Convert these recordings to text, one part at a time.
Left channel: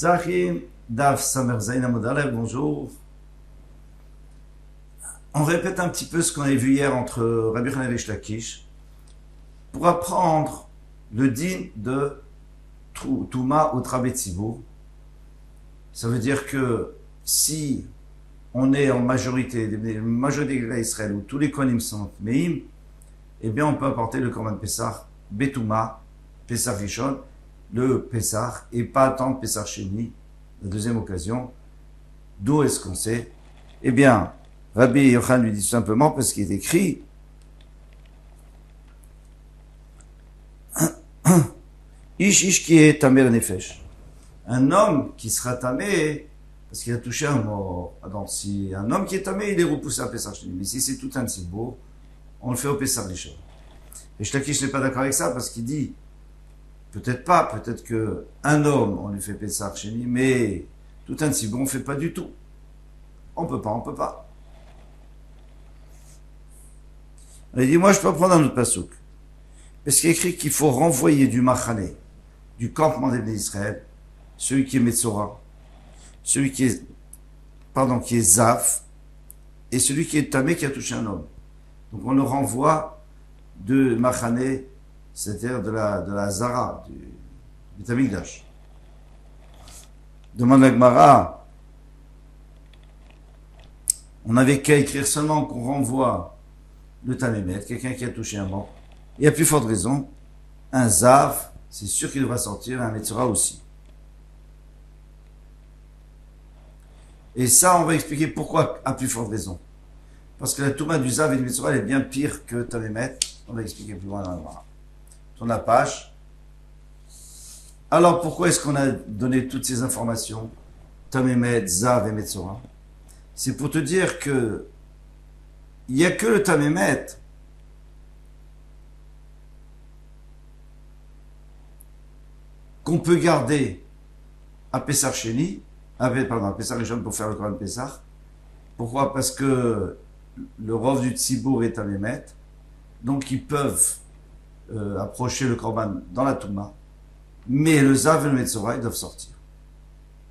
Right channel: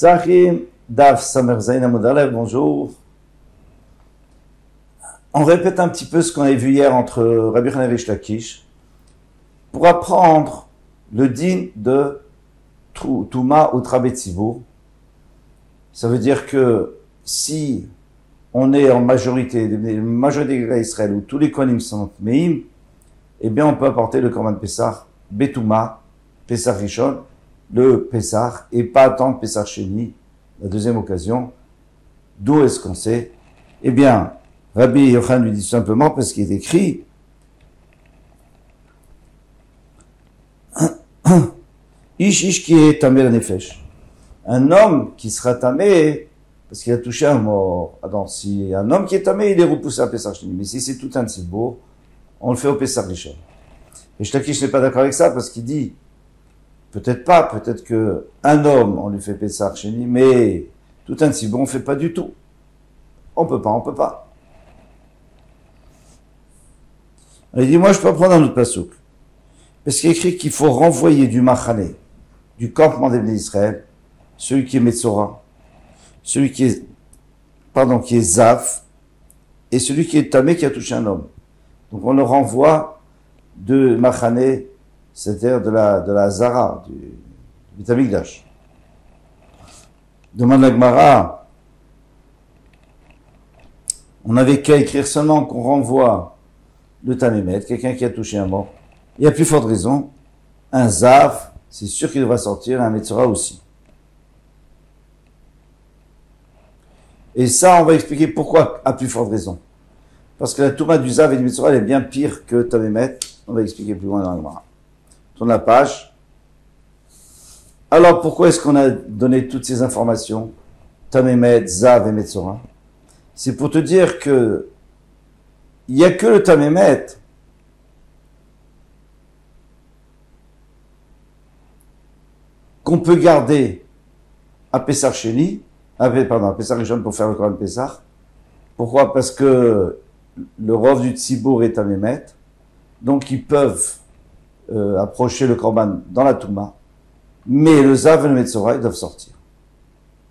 Zachim, Daf Samerzain Amodalev, bonjour. On répète un petit peu ce qu'on avait vu hier entre Rabbi Yochanan et Rish Lakish pour apprendre le din de Touma ou Trabetzibur. Ça veut dire que si on est en majorité d'Israël où tous les kohanim sont meim, eh bien on peut apporter le korban Pessah, Betouma, Pessah Rishon, le Pessah, et pas attendre Pessah Sheni, la deuxième occasion. D'où est-ce qu'on sait? Eh bien, Rabbi Yochanan lui dit simplement parce qu'il est écrit Ish qui est tamé la nefesh. Un homme qui sera tamé parce qu'il a touché un mort. Alors, si un homme qui est tamé, il est repoussé à Pessah Sheni. Mais si c'est tout un tzibour, on le fait au Pessah Rishon. Et Shlakish n'est pas d'accord avec ça parce qu'il dit peut-être pas, peut-être que un homme, on lui fait Pessah Sheni, mais tout un tzibour, on ne fait pas du tout. On peut pas. Il dit, moi je peux prendre un autre pasouk. Parce qu'il est écrit qu'il faut renvoyer du Machane, du campement des Bnei Israël, celui qui est Metzora, celui qui est Zaf, et celui qui est Tamé qui a touché un homme. Donc on le renvoie de Machane, c'est-à-dire de la Zara, du Tamigdash. Demande la Gemara, on n'avait qu'à écrire seulement qu'on renvoie le Tamémet, quelqu'un qui a touché un mort. Il y a plus forte raison, un Zav, c'est sûr qu'il devra sortir, un Metzora aussi. Et ça, on va expliquer pourquoi, à plus forte raison. Parce que la Touma du Zav et du Metzora, elle est bien pire que Tamémet. On va expliquer plus loin dans la Gemara. Tourne la page. Alors, pourquoi est-ce qu'on a donné toutes ces informations? Tamémet, Zav et Metzora. C'est pour te dire que il n'y a que le Tamémet qu'on peut garder à Pessah Sheni, à Pessah Rishon pour faire le Korban Pessah. Pourquoi? Parce que le rov du Tzibour est Tamémet, donc ils peuvent approcher le Korban dans la Touma, mais le Zav et le Metzora, ils doivent sortir.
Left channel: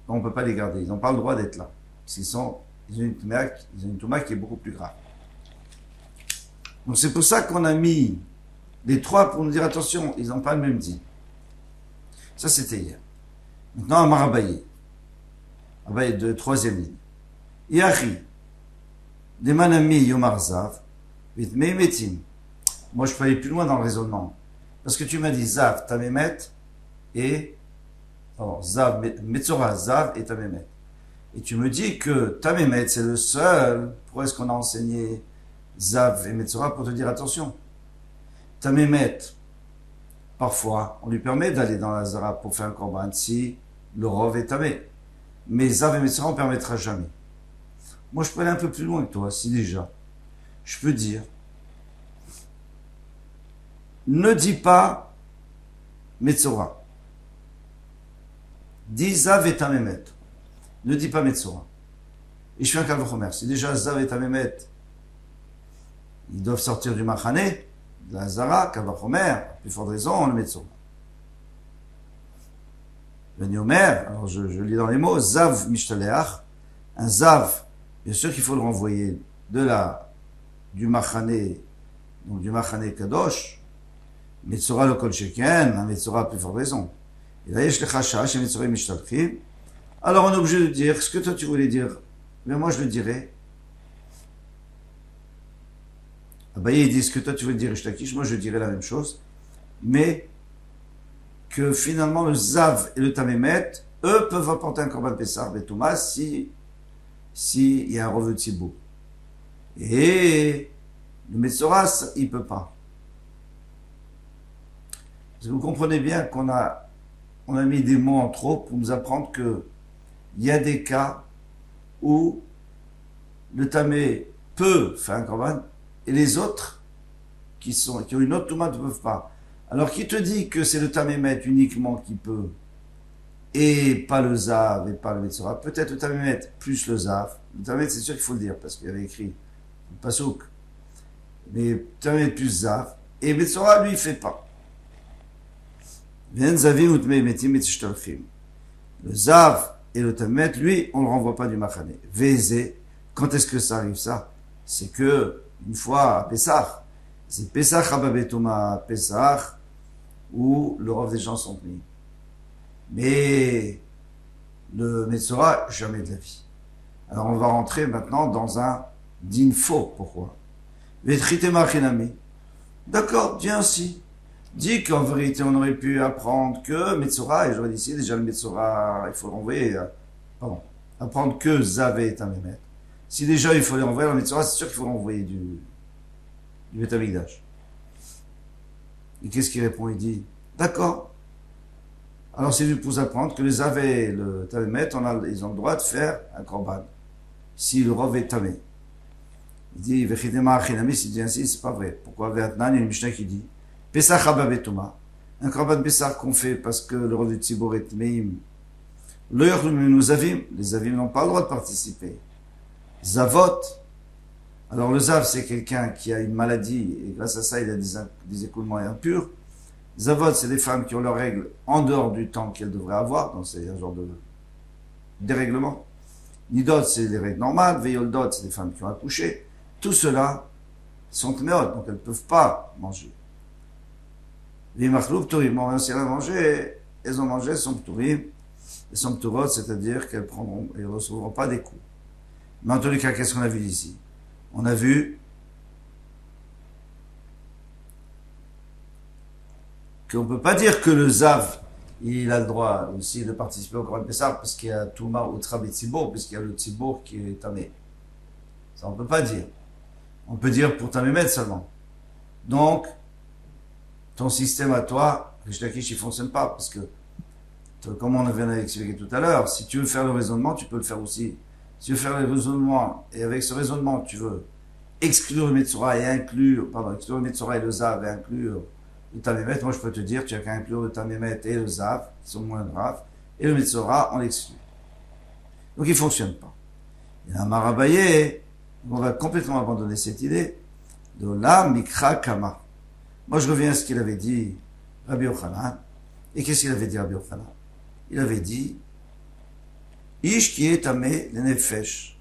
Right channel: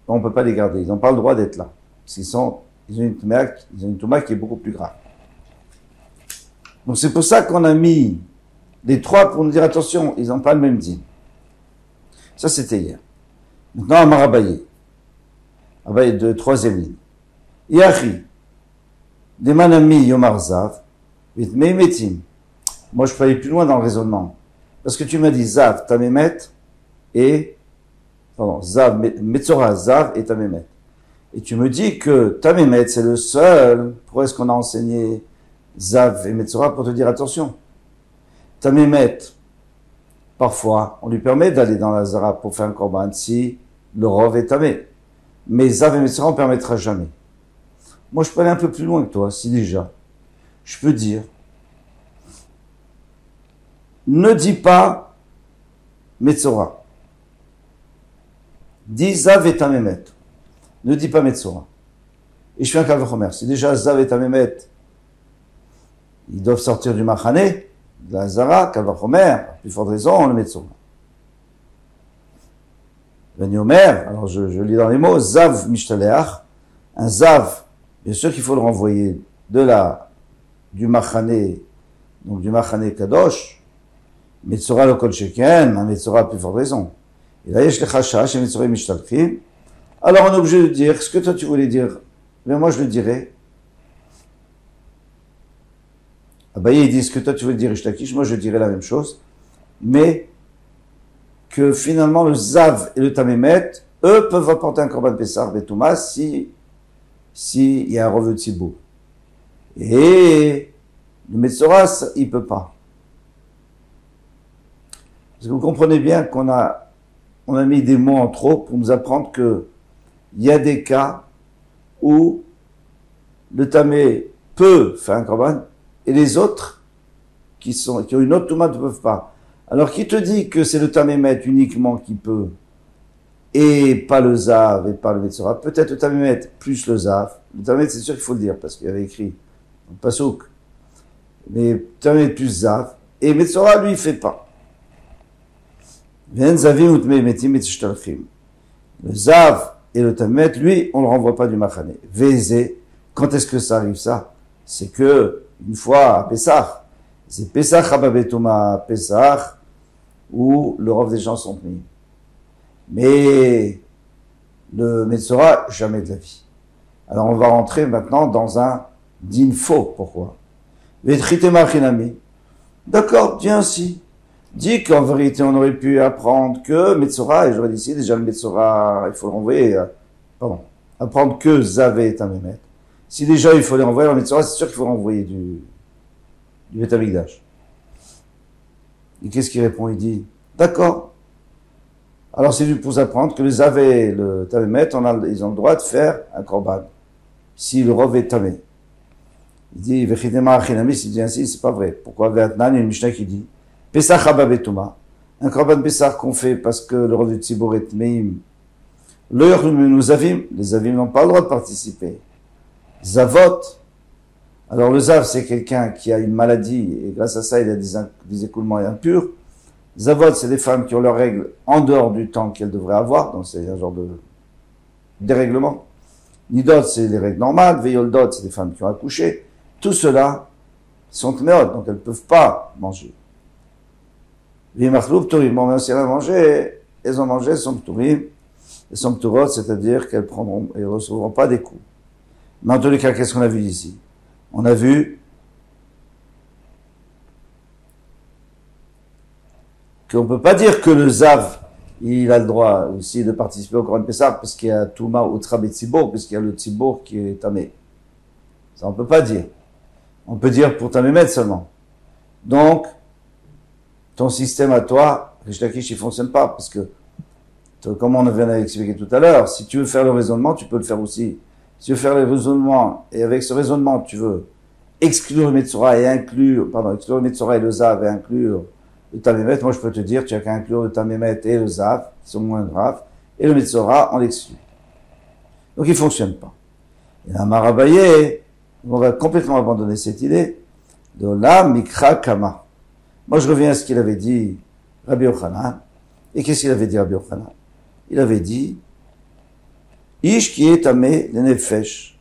On ne peut pas les garder, ils n'ont pas le droit d'être là, parce qu'ils ont une Touma qui est beaucoup plus grave. Donc c'est pour ça qu'on a mis les trois pour nous dire attention, ils n'ont pas le même din. Ça c'était hier. Maintenant à Marabaye. Abaye de troisième ligne. Yachi, des manami yomar zav, vitmei metim. Moi je peux aller plus loin dans le raisonnement. Parce que tu m'as dit zav, tamémet, zav, metzora, zav et tamémet. Et tu me dis que tamémet c'est le seul, pourquoi est-ce qu'on a enseigné Zav et Metzora pour te dire attention. Tamémet, parfois, on lui permet d'aller dans la Zara pour faire un korban si le rov est tamé. Mais Zav et Metzora, on ne permettra jamais. Moi, je peux aller un peu plus loin que toi, si déjà. Je peux dire, ne dis pas Metzora. Dis Zav et Tamémet. Ne dis pas Metzora. Et je fais un kavachomer. Si déjà Zav et Tamémet, ils doivent sortir du Machane, de la Zara, Kavachomer, plus forte raison, on le met de son. Omer, alors je lis dans les mots, Zav Mishtaleach, un Zav, bien sûr qu'il faut le renvoyer du Machane, donc du Machane Kadosh, Metzora le Kol Sheken, un Metzora plus forte raison. Et là, Yesh Lechachash et Metzora Mishtalchim. Alors on est obligé de dire ce que toi tu voulais dire, mais moi je le dirais. Abaye, ils disent que toi tu veux dire Ishtakish, moi je dirais la même chose, mais que finalement le Zav et le Tamémet, eux peuvent apporter un Korban Pessah Betouma si il y a un revenu de Tzibour. Et le Metzora, il peut pas. Parce que vous comprenez bien qu'on a mis des mots en trop pour nous apprendre que il y a des cas où le Tamé peut faire un Korban, et les autres, qui ont une autre Touma, ne peuvent pas. Alors, qui te dit que c'est le Tamémet uniquement qui peut, et pas le Zav, et pas le Metzora? Peut-être le Tamémet plus le Zav. Le Tamémet, c'est sûr qu'il faut le dire, parce qu'il y avait écrit, Pasouk. Mais Tamémet plus Zav, et Metzora, lui, il fait pas. Le Zav et le Tamet, lui, on ne le renvoie pas du Machane. Vézé, quand est-ce que ça arrive ça? C'est que, une fois à Pessah, c'est Pessah Hababetuma, Pessah, où le rov des gens sont mis. Mais le Metzora, jamais de la vie. Alors on va rentrer maintenant dans un din faux. Pourquoi? D'accord, dis ainsi. Dis qu'en vérité on aurait pu apprendre que Metzora, et j'aurais dit ici déjà le Metzora, il faut le renvoyer, apprendre que Zavé est un Mémet. Si déjà il faut les renvoyer, le Metzora, c'est sûr qu'il faut renvoyer du Beth Amikdash. Et qu'est-ce qu'il répond? Il dit, d'accord. Alors c'est pour apprendre que les Zavé et le Tamémet, ils ont le droit de faire un korban. Si le rov est tamé. Il dit, Vechidema Achinami, s'il dit ainsi, c'est pas vrai. Pourquoi? Ve'atnan, il y a une Mishnah qui dit, Pesach Hababetuma, un korban Pesach qu'on fait parce que le rov du Tzibor est meim. Nous avim, les avim n'ont pas le droit de participer. Zavot, alors le Zav, c'est quelqu'un qui a une maladie, et grâce à ça, il a des écoulements impurs. Zavot, c'est des femmes qui ont leurs règles en dehors du temps qu'elles devraient avoir, donc c'est un genre de dérèglement. Nidot, c'est les règles normales. Veyoldot, c'est des femmes qui ont accouché. Tout cela sont tméot, donc elles ne peuvent pas manger. Vimachloub tourim, bon, même si elles ont mangé, elles sont ptourim. Elles sont ptourot, c'est-à-dire qu'elles ne recevront pas des coups. Mais en tous les cas, qu'est-ce qu'on a vu ici? On a vu qu'on ne peut pas dire que le Zav, il a le droit aussi de participer au Korban Pessah parce qu'il y a Touma ou Trabé Tzibour, puisqu'il y a le Tzibour qui est Tamé. Ça, on ne peut pas dire. On peut dire pour Tamémet seulement. Donc, ton système à toi, Rish Lakish, il ne fonctionne pas, parce que, comme on vient d'expliquer tout à l'heure, si tu veux faire le raisonnement, tu peux le faire aussi. Si tu veux faire le raisonnement, et avec ce raisonnement, tu veux exclure le Metzora et exclure le Metzora et le Zav et inclure le Tamémet, moi je peux te dire, tu as qu'à inclure le Tamémet et le Zav, qui sont moins graves, et le Metzora, on l'exclut. Donc il ne fonctionne pas. Et là, Marabaye, on va complètement abandonner cette idée de la Mikra Kama. Moi je reviens à ce qu'il avait dit Rabbi Yochanan. Et qu'est-ce qu'il avait dit Rabbi Yochanan? Il avait dit Ish qui est tamé le nefesh.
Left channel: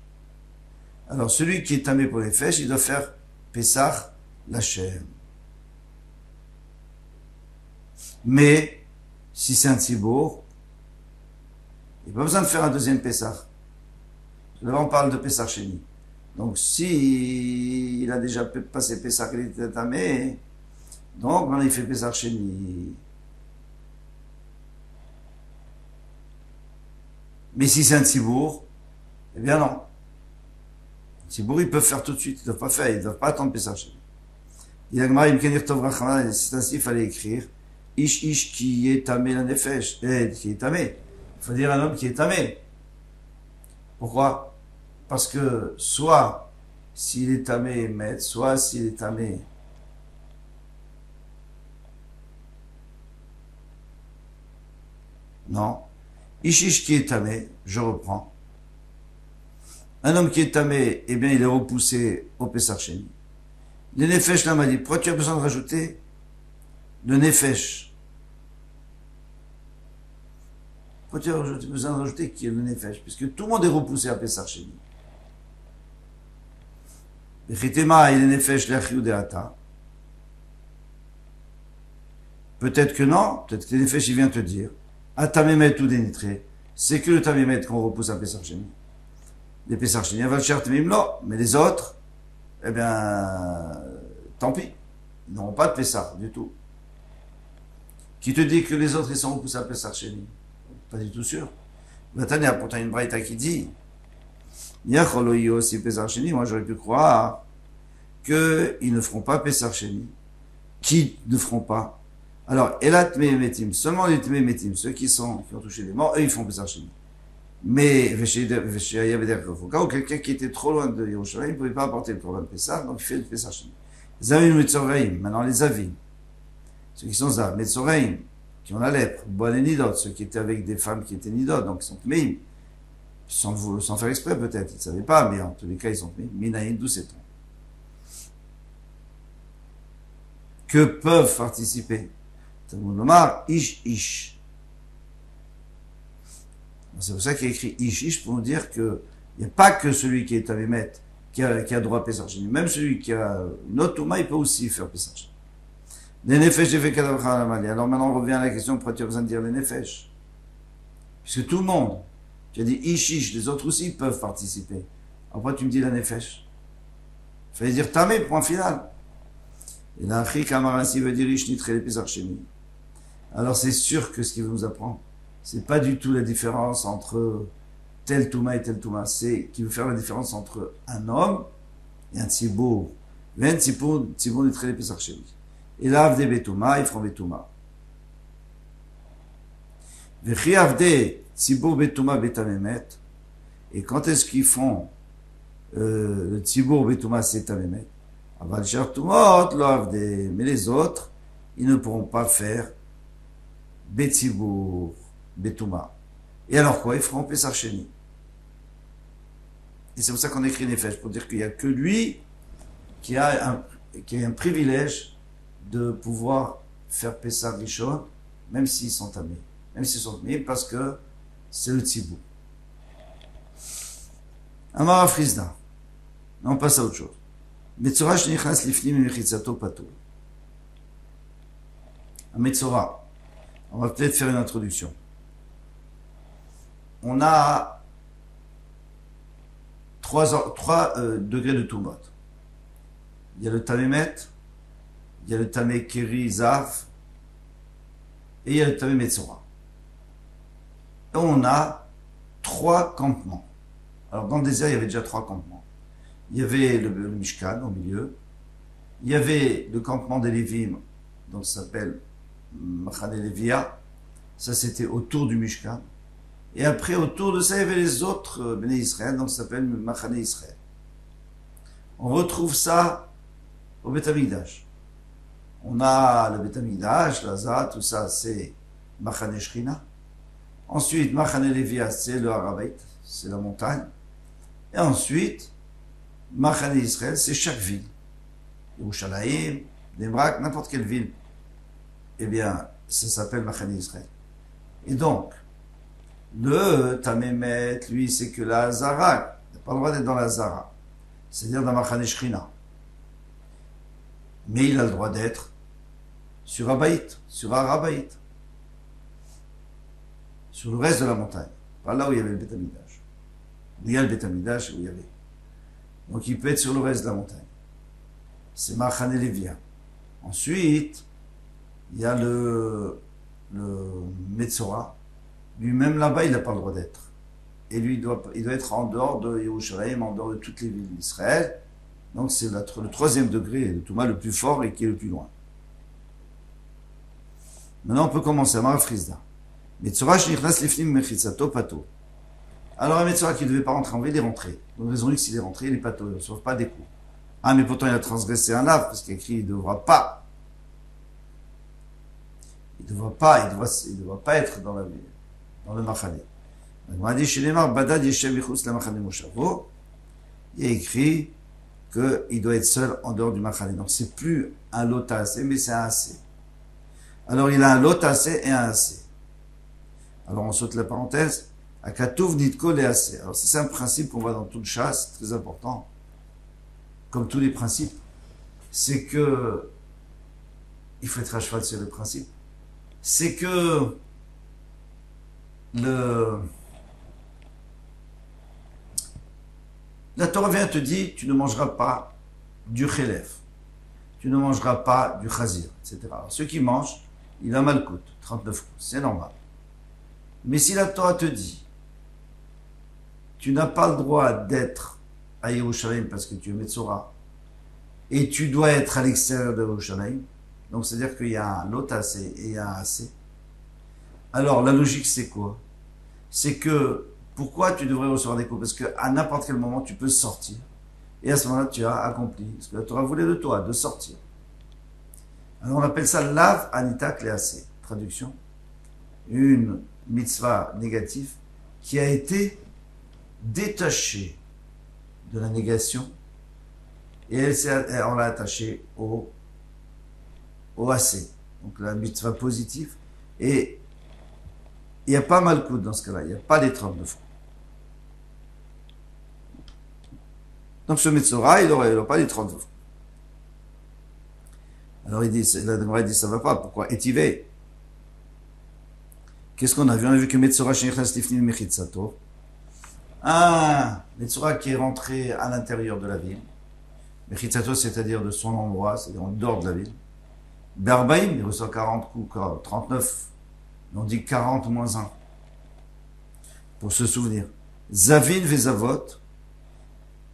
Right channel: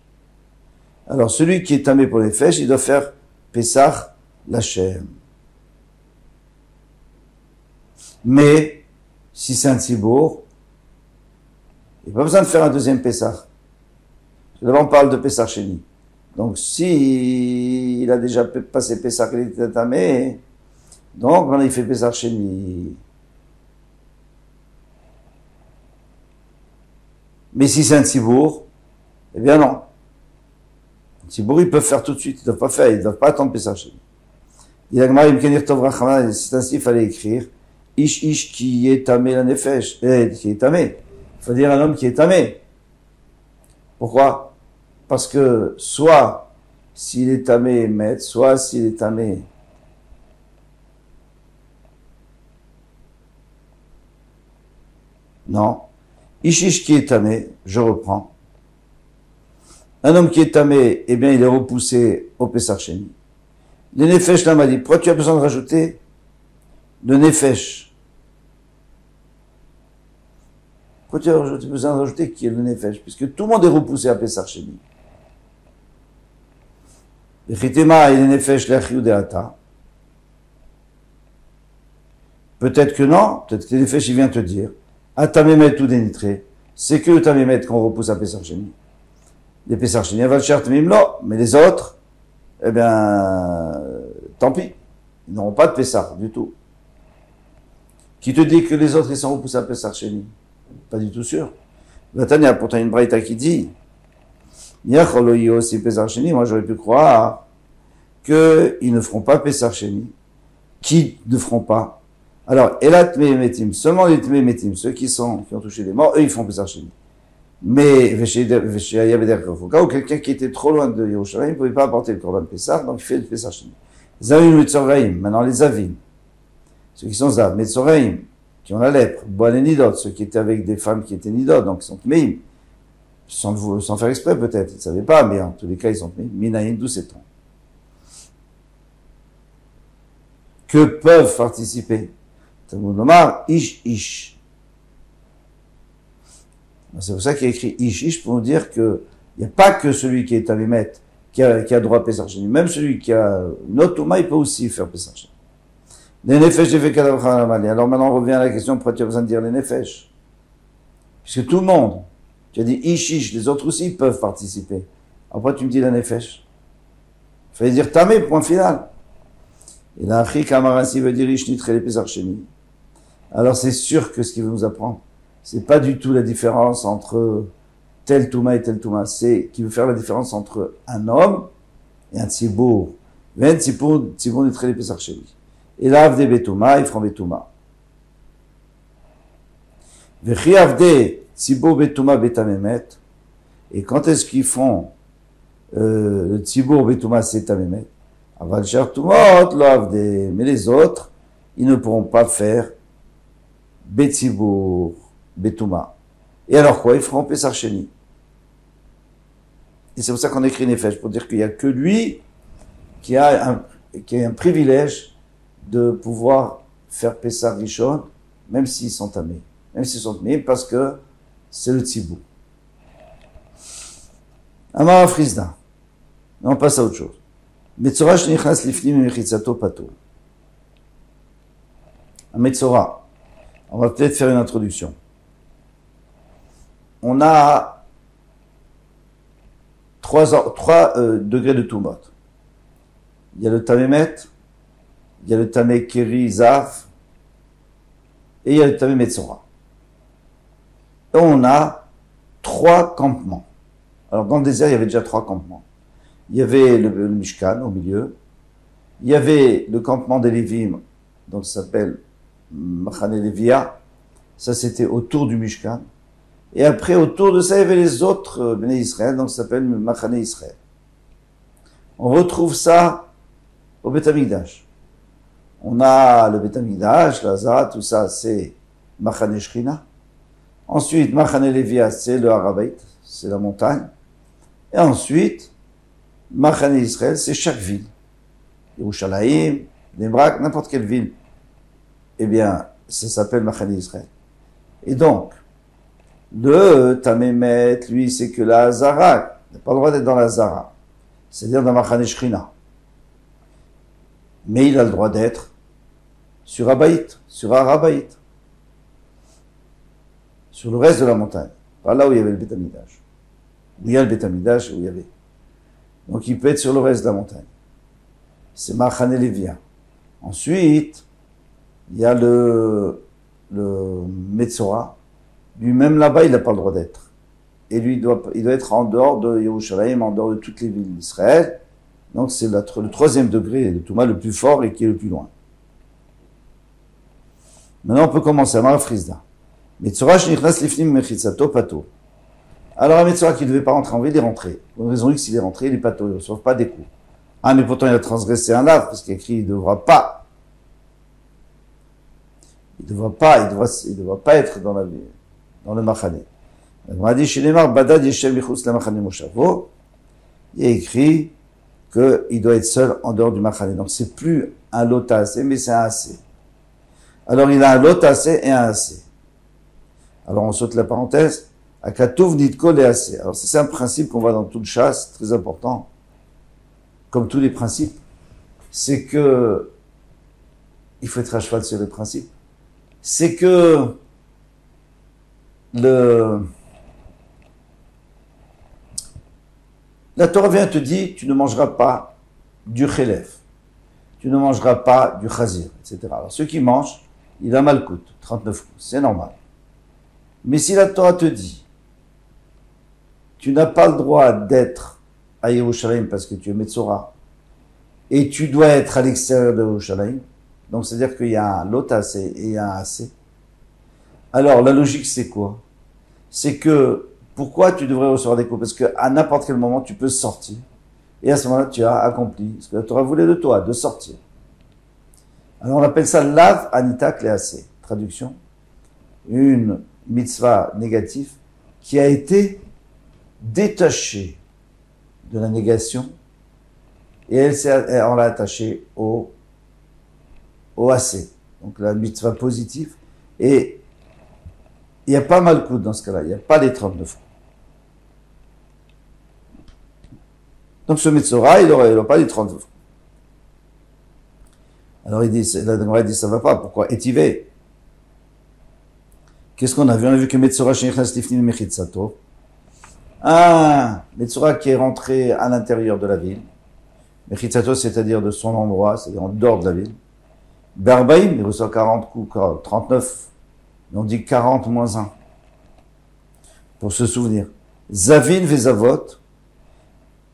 Alors celui qui est tamé pour les nefesh, il doit faire Pesach Lachem. Mais, si c'est un tzibour, il n'y a pas besoin de faire un deuxième Pessah. D'abord, on parle de Pessah Sheni. Donc, si il a déjà passé Pessah, il était tamé, donc maintenant il fait Pessah Sheni. Mais si c'est un tzibour, eh bien non. Un tzibour, ils peuvent faire tout de suite, ils ne doivent pas attendre Pessah Sheni. Il a c'est ainsi, il fallait écrire Ish qui est tamé la nefesh, qui est tamé. Il faut dire un homme qui est tamé. Pourquoi? Parce que soit s'il est tamé, met, soit s'il est tamé. Non. Ish qui est tamé, je reprends. Un homme qui est tamé, eh bien il est repoussé au Pessah Sheni. Le nefesh là m'a dit, pourquoi tu as besoin de rajouter le nefesh? Pourquoi tu as besoin de rajouter qui est le nefesh? Puisque tout le monde est repoussé à Pessah Sheni. Le chitema et le nefesh l'achiou de ata. Peut-être que non, peut-être que le nefesh il vient te dire, atamémet tout dénitré, c'est que le tamémet qu'on repousse à Pessah Sheni. Les Pessah Sheni, va le chercher mais les autres, eh bien, tant pis. Ils n'auront pas de Pessah du tout. Qui te dit que les autres, ils sont repoussés à Pessah Sheni? Pas du tout sûr. Maintenant, il y a pourtant une braïta qui dit, aussi Pessah Sheni, moi j'aurais pu croire qu'ils ne feront pas Pessah Sheni. Qui ne feront pas? Alors, Elat Mehemetim, seulement les Mehemetim, ceux qui ont touché des morts, eux, ils font Pessah Sheni. Mais, au cas où quelqu'un qui était trop loin de Yerushalayim ne pouvait pas apporter le Korban Pessah, donc il fait le Pessah Sheni. Zavim Metzoraim, maintenant les Zavim, ceux qui sont Zav, Metzoraim, qui ont la lèpre, Boal et Nidot, ceux qui étaient avec des femmes qui étaient Nidot, donc ils sont Tmeim, sans faire exprès peut-être, ils ne savaient pas, mais en tous les cas ils sont Tmeim, Minaïm, d'où c'est-on? Que peuvent participer? Talmud Lomar, Ish. C'est pour ça qu'il y a écrit Ish pour nous dire qu'il n'y a pas que celui qui est Tamémet qui a droit à Pesach Sheni. Même celui qui a une autre Touma, il peut aussi faire Pesach Sheni. Les Nefesh, j'ai fait Kadav Chalamali. Alors maintenant, on revient à la question, pourquoi tu as besoin de dire les Nefesh? Puisque tout le monde, tu as dit Ish, les autres aussi peuvent participer. Après, tu me dis la Nefesh. Il fallait dire Tamé, point final. Et là, Achri Kamarasi veut dire Ish Nitre les Pesach Sheni. Alors c'est sûr que ce qu'il veut nous apprendre, c'est pas du tout la différence entre tel Touma et tel Touma. C'est qu'il veut faire la différence entre un homme et un Tzibour. Ven Tzibour Nitre les Pesach Sheni. Et là, Avde Betouma, ils feront Betouma. Vechi Avde Tzibour Betouma Betamemet. Et quand est-ce qu'ils font le Tzibour Betouma c'est Tamemet? Aval Shar Tumot, lo Avde. Mais les autres, ils ne pourront pas faire Betzibour Betouma. Et alors quoi? Ils feront Pesach Sheni. Et c'est pour ça qu'on écrit Nefesh, pour dire qu'il n'y a que lui qui a un privilège de pouvoir faire Pesach Rishon, même s'ils sont tamés. Même s'ils sont tamés, parce que c'est le Tzibou. Amar Frisda. On passe à autre chose. Metzora shenichnas lifnim mechitzato pato. Un Metzora. On va peut-être faire une introduction. On a trois degrés de Tumot. Il y a le Tamémet, il y a le Tamé Keri Zaf, et il y a le Tamé Metzora. Et on a 3 campements. Alors dans le désert, il y avait déjà 3 campements. Il y avait le Mishkan au milieu, il y avait le campement des Lévim, donc ça s'appelle Machane Levia, ça c'était autour du Mishkan, et après autour de ça il y avait les autres Bnei Israël, donc ça s'appelle Machane Israël. On retrouve ça au Beth Amikdash. On a le Beth Amikdash, la Zara, tout ça c'est Machane Shechina. Ensuite Machane Levia c'est le Harabait, c'est la montagne, et ensuite Machane Israël c'est chaque ville, Yerushalayim, Nebrak, n'importe quelle ville. Eh bien, ça s'appelle Machane Israël. Et donc, le Tamémet, lui, c'est que la Hazara, il n'a pas le droit d'être dans la Hazara, c'est-à-dire dans Machane Shechina. Mais il a le droit d'être sur Abaït, sur Arabaït, sur le reste de la montagne, pas là où il y avait le Beth Amikdash. Où il y a le Beth Amikdash, où il y avait. Donc il peut être sur le reste de la montagne. C'est Machane Levia. Ensuite, il y a le Metzora. Lui-même là-bas, il n'a pas le droit d'être. Et lui, il doit être en dehors de Yerushalayim, en dehors de toutes les villes d'Israël. Donc c'est le 3e degré de Touma le plus fort et qui est le plus loin. Maintenant, on peut commencer à Amar Frisda. Metzora shenichnas lifnim mechitzato pato. Alors un Metzora qui ne devait pas rentrer en ville, il est rentré. Pour une raison X, il est rentré, il est pato, il ne reçoit pas des coups. Ah, mais pourtant il a transgressé un lave, parce qu'il y a écrit, il ne devra pas. Il devra pas être dans le Machane. On a dit chez les Mar, Badad Yeshem Yichus la Machane Moshavo. Il est écrit qu'il doit être seul en dehors du Machane. Donc c'est plus un lot assez, mais c'est un assez. Alors il a un lot assez et un assez. Alors on saute la parenthèse. Akatouv Nitkol et assez. Alors c'est un principe qu'on voit dans toute chasse, très important. Comme tous les principes. C'est que il faut être à cheval sur les principes. C'est que la Torah vient te dire, tu ne mangeras pas du chélef, tu ne mangeras pas du chazir, etc. Alors ceux qui mangent, il a malkout, 39 coups, c'est normal. Mais si la Torah te dit, tu n'as pas le droit d'être à Yerushalayim parce que tu es Metzora, et tu dois être à l'extérieur de Yerushalayim, donc c'est-à-dire qu'il y a un lot assez et il y a un assez. Alors la logique c'est quoi? C'est que pourquoi tu devrais recevoir des coups? Parce qu'à n'importe quel moment tu peux sortir. Et à ce moment-là tu as accompli ce que la Torah voulait de toi, de sortir. Alors on appelle ça lav anita klease. Traduction. Une mitzvah négative qui a été détachée de la négation et on l'a attachée au AC. Donc la mitzvah positive et Il n'y a pas malcoute dans ce cas-là, il n'y a pas les 39 roues. Donc ce Metzora, il n'aura pas les 39 roues. Alors il dit, la Gemara dit, ça va pas, pourquoi étivé? Qu'est-ce qu'on a vu? On a vu que Metzora shenichnas lifnim mechitzato, un Metzora qui est rentré à l'intérieur de la ville, mechitzato c'est-à-dire de son endroit, c'est-à-dire en dehors de la ville, Berbaïm, il reçoit 40 coups, 39, mais on dit 40 moins 1, pour se souvenir. Zavin vezavot,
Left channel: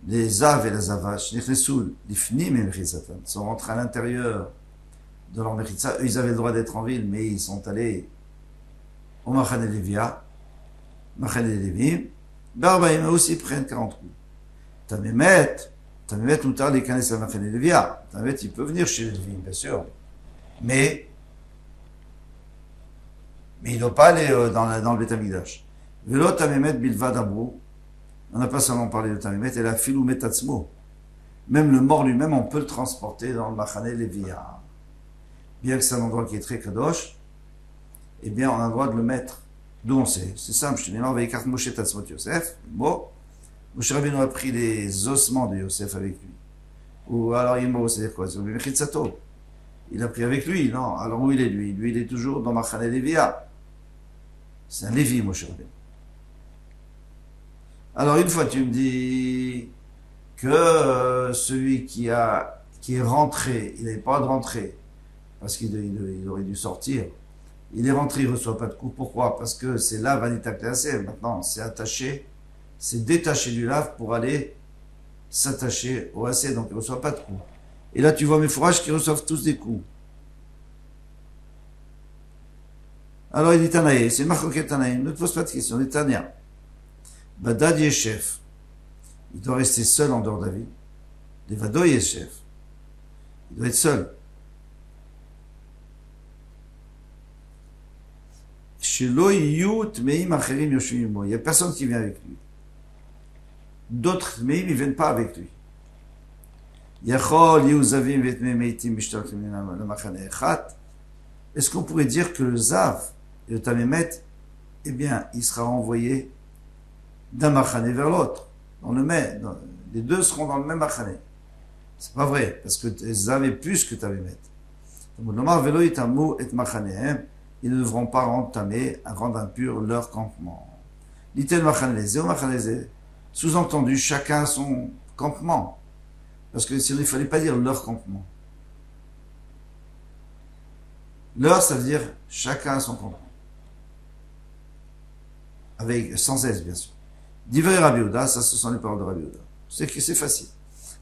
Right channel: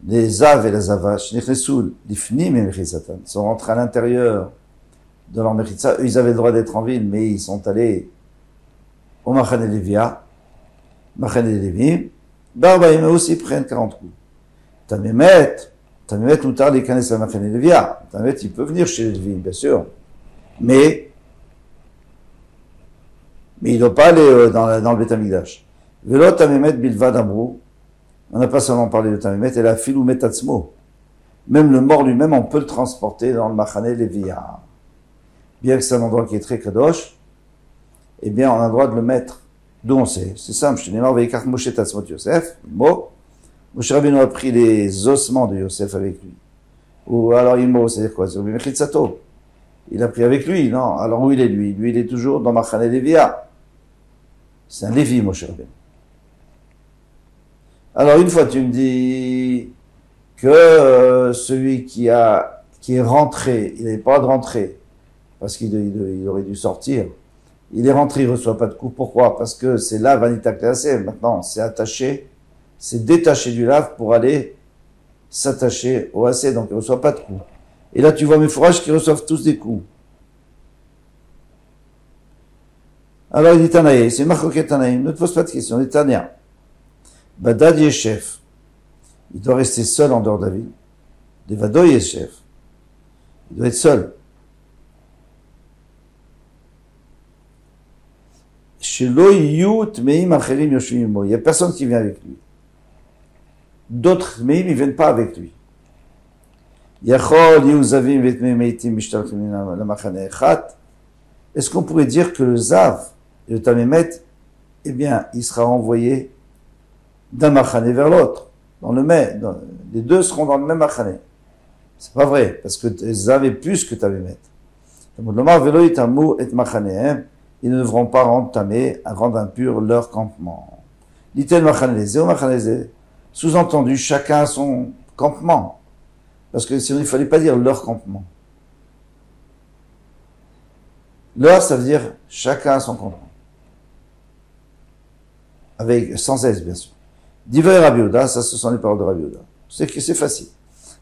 les Zav et la Zava, shenichnesul lifnim mechitzatan, sont rentrés à l'intérieur de leur mechitza. Eux, ils avaient le droit d'être en ville, mais ils sont allés au Machane Levia, Machane Levim, Barbaïm aussi prennent 40 coups. Tamémet, Moutar, les Kanes la Machane Levia. Tamémet, il peut venir chez les Levim, bien sûr. Mais il ne doit pas aller dans le Beth Amikdash. Velo Tamémet Bilvad Amrou, on n'a pas seulement parlé de Tamémet, et la Filou Metatzmo. Même le mort lui-même, on peut le transporter dans le Machane Levia. Bien que c'est un endroit qui est très kadosh, eh bien, on a le droit de le mettre. D'où on sait? C'est simple. Je te dis, Veikach Moshe Tatzmot Yosef. Moshe Rabbeinu a pris les ossements de Yosef avec lui. Ou alors, Imo, c'est-à-dire quoi? C'est Mechitzato. Il a pris avec lui, non? Alors, où il est, lui? Lui, il est toujours dans Machane Levia. C'est un Lévi, Moshe Rabbeinu. Alors, une fois, tu me dis que celui qui est rentré, il n'avait pas de rentrer, parce qu'il aurait dû sortir. Il est rentré, il ne reçoit pas de coup. Pourquoi? Parce que c'est là, Vanita Klease. Maintenant, c'est attaché, c'est détaché du lave pour aller s'attacher au AC, donc il ne reçoit pas de coup. Et là, tu vois mes fourrages qui reçoivent tous des coups. Alors, il dit Tanaï, c'est Marcoquet Tanaï, ne te pose pas de questions, il dit Tania. Badad Yeshef, il doit rester seul en dehors de la ville. Devado Yeshef, il doit être seul. Il n'y a personne qui vient avec lui. D'autres Tmeim, ils viennent pas avec lui. Est-ce qu'on pourrait dire que le Zav et le Tamémet, eh bien, il sera renvoyé d'un Machane vers l'autre, les deux seront dans le même Machane. C'est pas vrai, parce que Zav est plus que Tamémet. Ils ne devront pas rendre impur leur campement. Sous-entendu, chacun a son campement. Parce que sinon, il ne fallait pas dire leur campement. Leur, ça veut dire chacun a son campement. Sans S, bien sûr. Divrei Rabbi Yehuda, ça, ce sont les paroles de Rabbi Yehuda. C'est que c'est facile.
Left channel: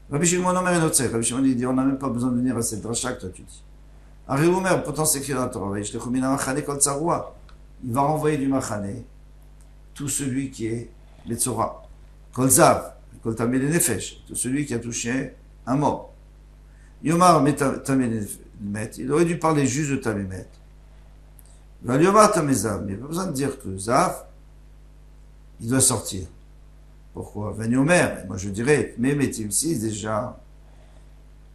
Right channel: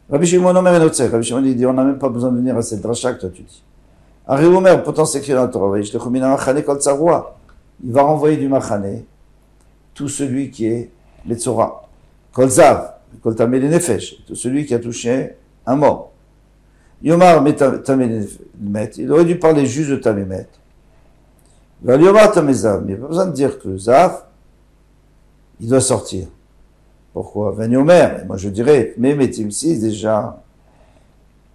Rabbi Shimon Omer Enotzeh. Rabbi Shimon dit, on n'a même pas besoin de venir à cette dracha que toi tu dis. Ari Omer, pourtant c'est écrit dans la Torah, il va renvoyer du Machane tout celui qui est Metzora. Kol Zav, Kol Tameh Nefesh, tout celui qui a touché un mort. Yomar Tameh Met, il aurait dû parler juste de Tameh Met. Val Yomar Tameh Zav, mais il n'y a pas besoin de dire que Zav, il doit sortir. Pourquoi? Van Yomer, et moi je dirais, Memetim, si déjà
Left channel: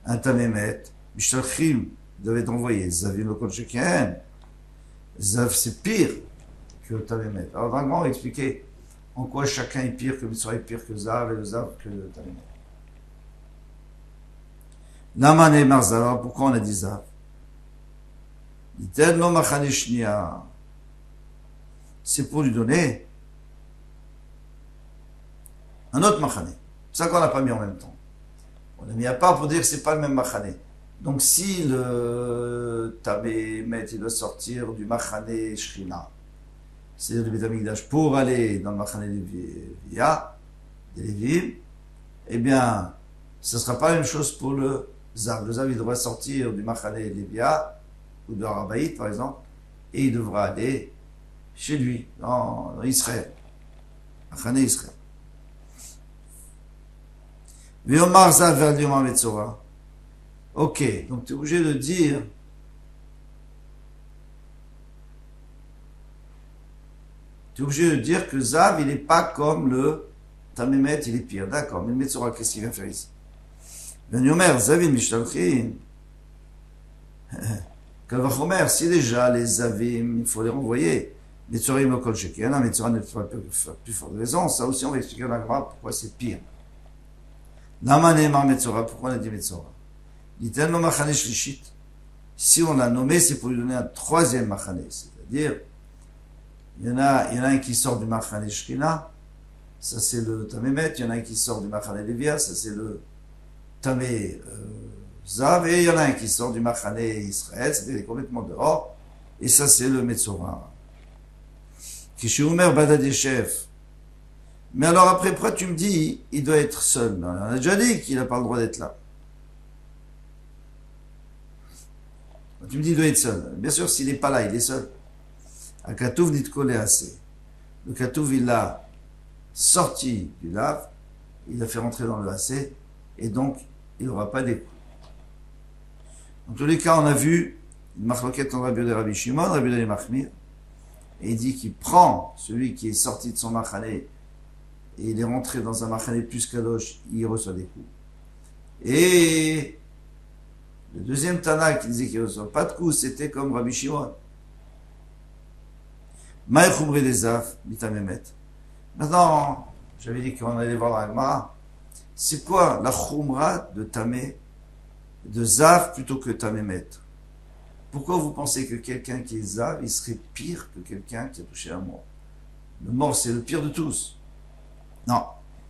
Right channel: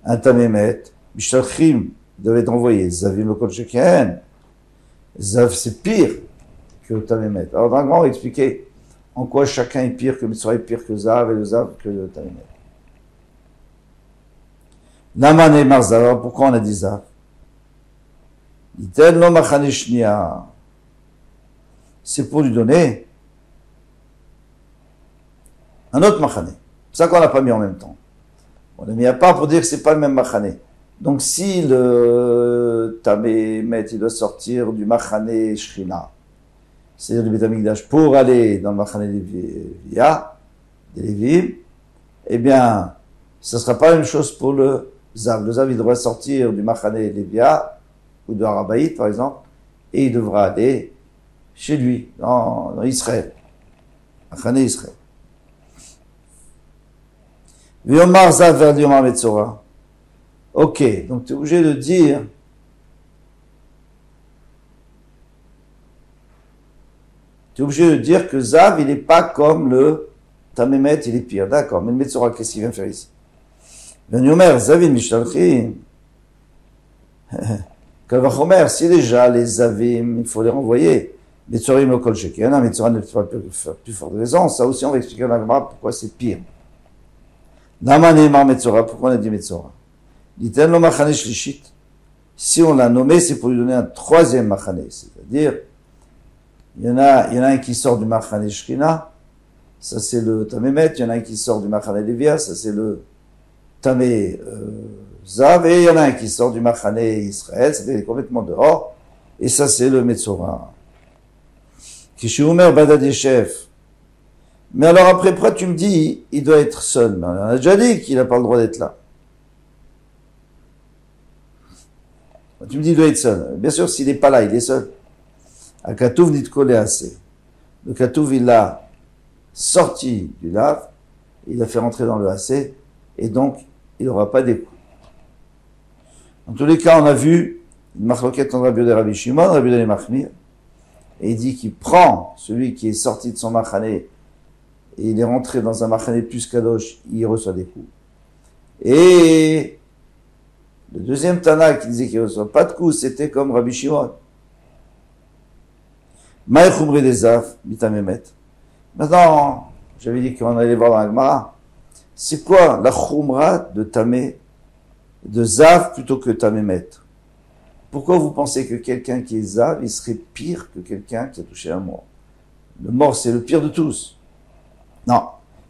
un Tameh Met, Mishtalchim, il devait être envoyé. Zavim le Kol Sheken. Zav, c'est pire que Tamémet. Alors, dans le grand, on va expliquer en quoi chacun est pire que Metzora est pire que Zav et le Zav que le Tamémet. Naman et Marzav. Alors, pourquoi on a dit Zav? Dit-elle, non, Machane Shnia. C'est pour lui donner un autre Machane. C'est ça qu'on n'a pas mis en même temps. On l'a mis à part pour dire que c'est pas le même Machane. Donc, si le Tamémet, il doit sortir du Machane Shrina, c'est-à-dire du Beth Amikdash, pour aller dans le Machane Levia, des Lévim, eh bien, ce ne sera pas la même chose pour le Zav. Le Zav, il devra sortir du Machane Levia, ou de Harabaït, par exemple, et il devra aller chez lui, dans Israël. Machane Israël. V'yomar Zav vers Yomar Metzora. Ok, donc tu es obligé de dire que Zav, il n'est pas comme le Tamémet, il est pire. D'accord, mais le Metzora, qu'est-ce qu'il vient faire ici? Yomer, Zavim Mishtalchim. Kalvachomer, si déjà les Zavim, il faut les renvoyer. Metzorim lo kol sheken, Metzora n'est pas plus fort de raison. Ça aussi, on va expliquer dans la Gemara pourquoi c'est pire. Lama ne'emar Metzora, pourquoi on a dit Metzora? Dit-elle lo machane shlishit. Si on l'a nommé, c'est pour lui donner un troisième machane. C'est-à-dire, il y en a un qui sort du machane Shrina, ça c'est le Tamémet, il y en a un qui sort du machane Lévia, ça c'est le Tamé Zav, et il y en a un qui sort du machane Israël, c'est complètement dehors, et ça c'est le Metzora. Kishumer Badad Yeshev. Mais alors après, pourquoi tu me dis, il doit être seul? Mais on a déjà dit qu'il n'a pas le droit d'être là. Tu me dis, il doit être seul. Bien sûr, s'il n'est pas là, il est seul. A Katouv Nitkole assez. Le Katouv, il l'a sorti du lave, il l'a fait rentrer dans le assez, et donc, il n'aura pas d'écoute. En tous les cas, on a vu une marloquette entre Rabbi Yehuda et Rabbi Shimon, Rabbi Yehuda et Machmir, et il dit qu'il prend celui qui est sorti de son machane, et il est rentré dans un machane plus kadosh, il reçoit des coups. Et le deuxième Tana qui disait qu'il ne reçoit pas de coups, c'était comme Rabbi Shimon. Maï Khumri des Zaf, Mitamemet. Maintenant, j'avais dit qu'on allait voir dans la Gemara. C'est quoi la Khumra de Tamé, de Zav plutôt que Tamémet? Pourquoi vous pensez que quelqu'un qui est Zav, il serait pire que quelqu'un qui a touché un mort? Le mort, c'est le pire de tous. Non.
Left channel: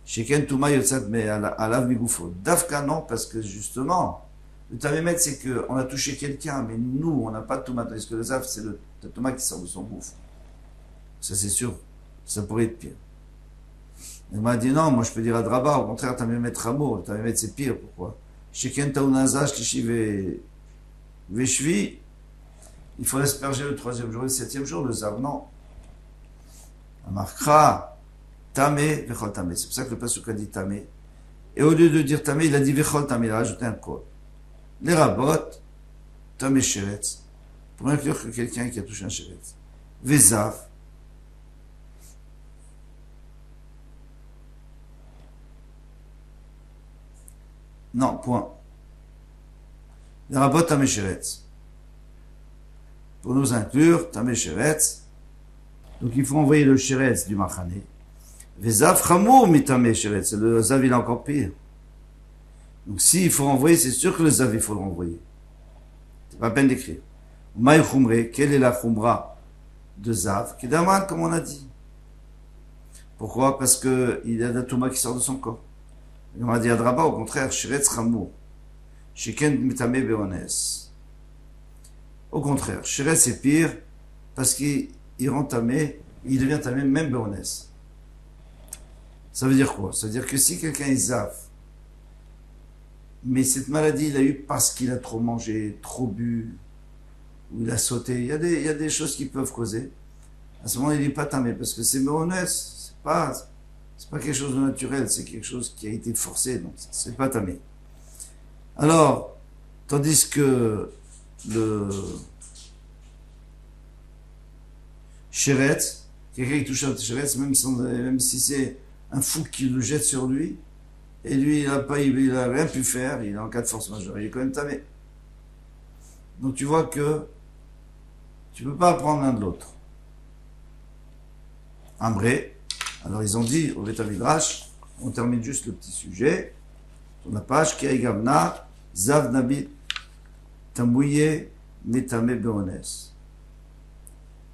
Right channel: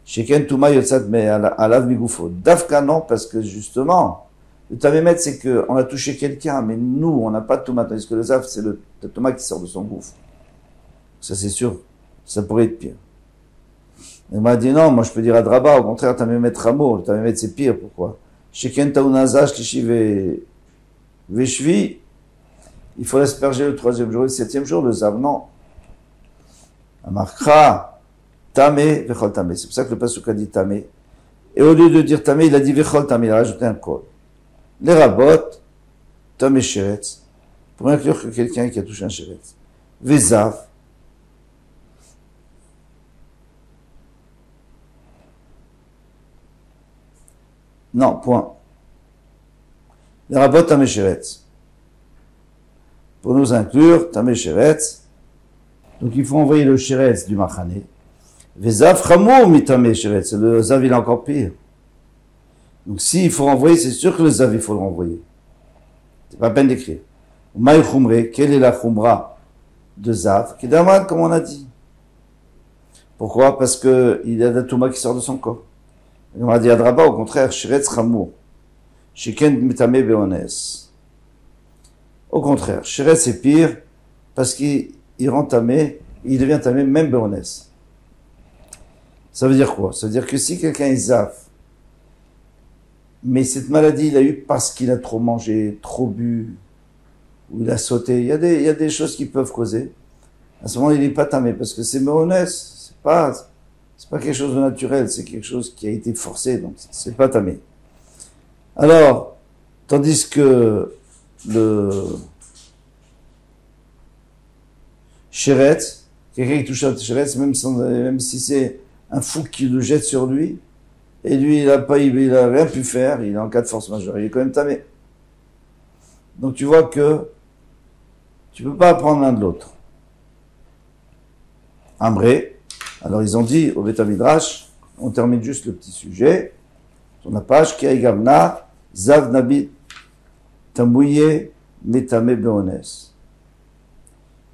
Sheken Touma Yotzat me alav migufo. Dafka non, parce que justement, le Tamémet, c'est qu'on a touché quelqu'un, mais nous, on n'a pas de Touma, tandis que le Zav, c'est le Touma qui sort de son gouffre. Ça, c'est sûr. Ça pourrait être pire. Il m'a dit non, moi je peux dire à Draba, au contraire, Tamémet Ramo, le Tamémet c'est pire, pourquoi? Sheken Taounazash, Lishi Veshvi, il faut l'asperger le 3e jour et le 7e jour, le Zav, non. Amarkra, Tamé, Vechol Tamé. C'est pour ça que le Pasuk a dit Tamé. Et au lieu de dire Tamé, il a dit Vechol Tamé, il a rajouté un col. Les Rabot, Tamé Sheretz, pour inclure que quelqu'un qui a touché un Sheretz. Vezav, non, point. Les Rabot Tamé Sheretz. Pour nous inclure, Tamé Sheretz. Donc il faut envoyer le Sheretz du Machane. Vezav Chamou mi Tamé Sheretz. Le Zav, il est encore pire. Donc s'il faut renvoyer, c'est sûr que le Zav, il faut le renvoyer. C'est pas la peine d'écrire. Maï Khumre, quelle est la Khumra de Zav? Kedaman, comme on a dit. Pourquoi? Parce que il y a de la Touma qui sort de son corps. On a dit à Draba, au contraire, Sheretz Chamou. Sheken Mitame Beones. Au contraire, Sheretz c'est pire parce qu'il rend tamé, il devient tamé même Beones. Ça veut dire quoi? Ça veut dire que si quelqu'un est Zav, mais cette maladie il a eu parce qu'il a trop mangé, trop bu, ou il a sauté, il y a des choses qui peuvent causer. À ce moment il n'est pas tamé parce que c'est Beones, c'est pas quelque chose de naturel, c'est quelque chose qui a été forcé, donc c'est pas tamé. Alors, tandis que le Sheretz, quelqu'un qui touche un Sheretz, même si c'est un fou qui le jette sur lui, et lui il a rien pu faire, il est en cas de force majeure, il est quand même tamé. Donc tu vois que tu peux pas apprendre l'un de l'autre. Ambré, alors ils ont dit au Beth Midrash, on termine juste le petit sujet, sur la page, Ki Gavna, Zav Nabit, Tambouye, Metame Beones.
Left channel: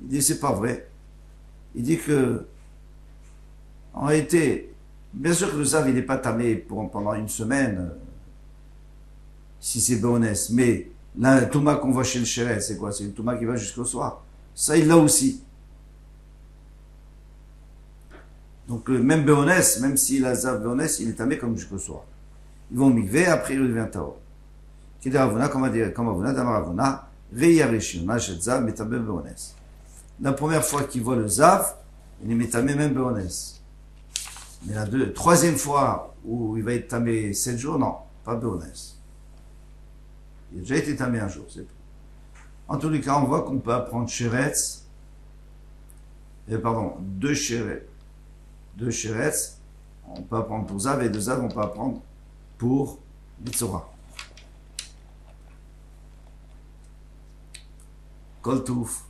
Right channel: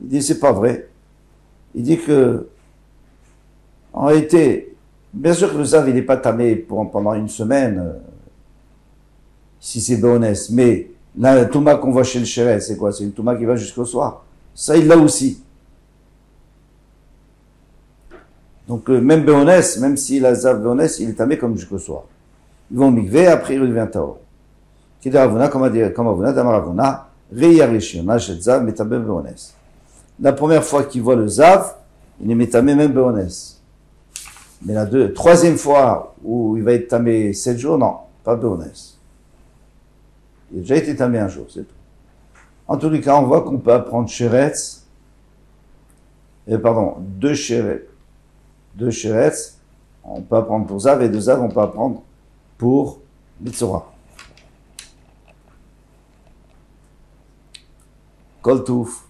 Il dit, c'est pas vrai. Il dit que, en réalité, bien sûr que le Zav, il n'est pas tamé pendant une semaine, si c'est Beones, mais la Touma qu'on voit chez le Sheretz, c'est quoi? C'est une Touma qui va jusqu'au soir. Ça, il l'a aussi. Donc, même Beones, même s'il a Zav Beones, il est tamé comme jusqu'au soir. Ils vont migver, après il redevient Taor. Kidaravuna, comme Avuna, Damaravuna, Reyarishona, Shetzav, Metamé Beones. La première fois qu'il voit le Zav, il est Metamé même Beones. Mais la troisième fois où il va être tamé 7 jours, non, pas Beones. Il a déjà été tamé un jour, c'est tout. En tous les cas, on voit qu'on peut apprendre Sheretz, deux Sheretz, on peut apprendre pour Zav, et de Zav, on peut apprendre pour Metzora. Kol Touf.